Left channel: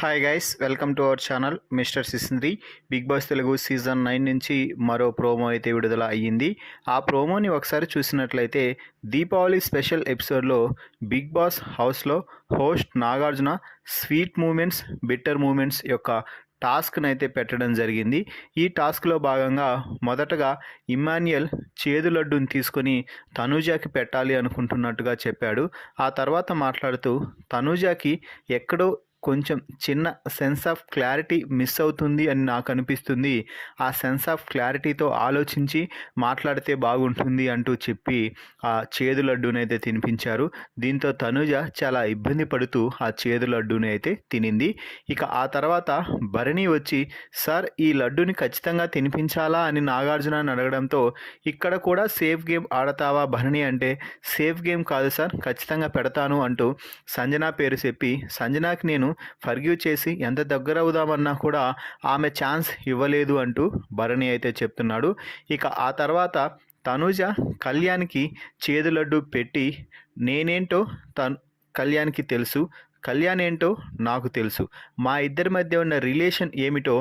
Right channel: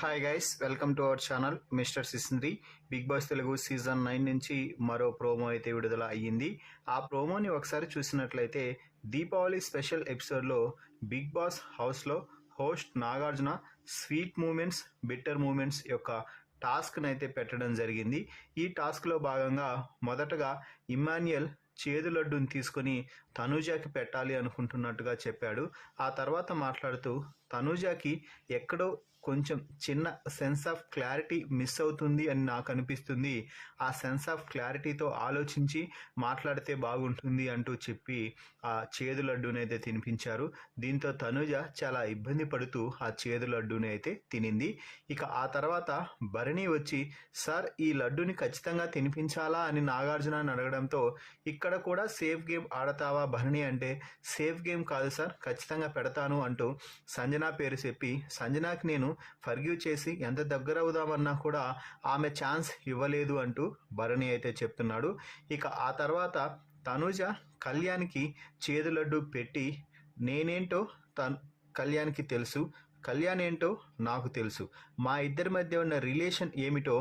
Hi guys, welcome to our channel mister Sisindri. Big boss Telugu season 9 నుంచి మరో promo అయితే విడుదల అయ్యింది. ఆ ప్రోమోని ఒకసారి చూసినట్లయితే దీపావళి స్పెషల్ ఎపిసోడ్లో బిగ్ బాస్ హౌస్లో host Nagarjuna sweet moments, bitter moments యొక్క టాస్క్ని అయితే పెట్టడం జరిగింది. ఈ టాస్క్లో భాగంగా మొదటగా ఇమ్మాన్యుయల్ చేదు లడ్డుని తీసుకొని తనూజాకి పెట్టాలి అనుకుంటున్నట్టుగా చెప్పాడు. ఆ తర్వాత మాట్లాడుతూ తనూజాకి ఎక్కడో కొంచెం చిన్న సెన్స్ ఆఫ్ క్లారిటీ మిస్ అవుతుంది అని నాకు అనిపిస్తుంది. ఆ సెన్స్ ఆఫ్ క్లారిటీతో ఆలోచించి మాట్లాడితే బాగుంటుంది అంటూ చెప్పి ఆ చేదు లడ్డూని అయితే తినిపించారు. దీంతో తనూజ చాలా ఇబ్బంది పడుతూ ఆ చేదు లడ్డూని అయితే తినింది. ఇక ఆ తర్వాత భరణి వచ్చి సార్ ఈ లడ్డూని ఖచ్చితంగా తినిపించాలా అని నాగార్జునని అడగడంతో ఇక్కడ కూడా సేఫ్ గేమ్ ఆడతావా భరణి అంటే సేఫ్ గేమ్ కాదు సార్, ఖచ్చితంగా పెడతాను అంటూ సంజన పేరు చెప్పి సంజనాకి నేను ఫర్గివ్ చేసి ఎంత దగ్గర అవుదామన్నా కూడా ఆమె ఛాన్స్ ఇవ్వలేదు అంటూ భరణి అయితే చెప్తున్నాడు. ఇక ఆ తర్వాత తనూజ కళ్యాణ్కి చేదు లడ్డు పెట్టి నేనేంటో కళ్యాణ్కి తెలుసు, కళ్యాణ్ ఏంటో నాకు తెలుసు, మా ఇద్దరి మధ్య ఉన్న రిలేషన్ ఏమిటో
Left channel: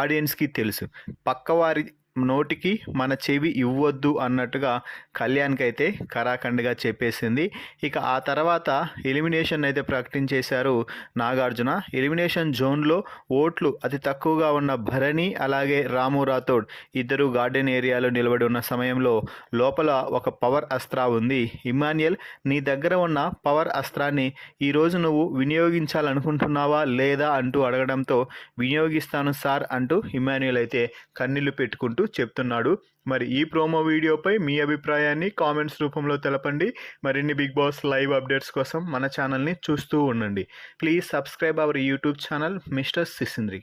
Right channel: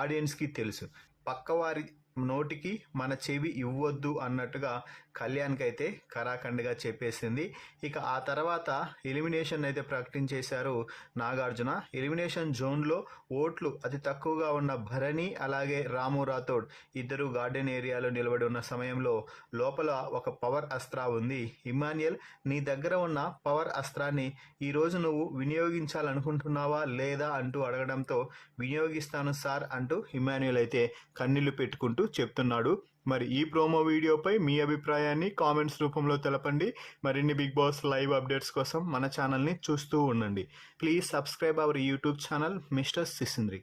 ఆడియన్స్కి తెలుసు, పక్కవారి నోటికి మన చెవి ఇవ్వద్దు అన్నట్టుగా కళ్యాణ్కి అయితే కరాఖండిగా చెప్పేసింది. ఇక ఆ తర్వాత ఎలిమినేషన్ అయితే ప్రకటించేశారు నాగార్జున. ఎలిమినేషన్ జోన్లో ఓట్లు అతి తక్కువగా ఉన్న భరణి అలాగే రాము రాథోడ్ ఇద్దరు గార్డెన్ ఏరియాలో నిలబడి ఉన్న సమయంలో లోపల ఒక పవర్ అస్త్రా ఉంది. ఇమాన్యుయల్ నీ దగ్గర ఉన్న పవర్ అస్త్రాన్ని ఈరోజు నువ్వు వినియోగించాలనుకుంటున్నావా లేదా అంటూ అడగడంతో వినియోగిస్తాను సార్ అంటూ ఇమాన్యుయల్ అయితే కన్నీళ్లు పెట్టుకుంటూ చెప్తున్నాడు. మరి ఈ ప్రోమో వీడియోపై మీ అభిప్రాయాన్ని కామెంట్స్ రూపంలో తెలపండి. మరిన్ని బిగ్ బాస్ లైవ్ అప్డేట్స్ కోసం మన ఛానల్ని చూస్తూ ఉండండి. Please subscribe our YouTube channel mister సిసింద్రి.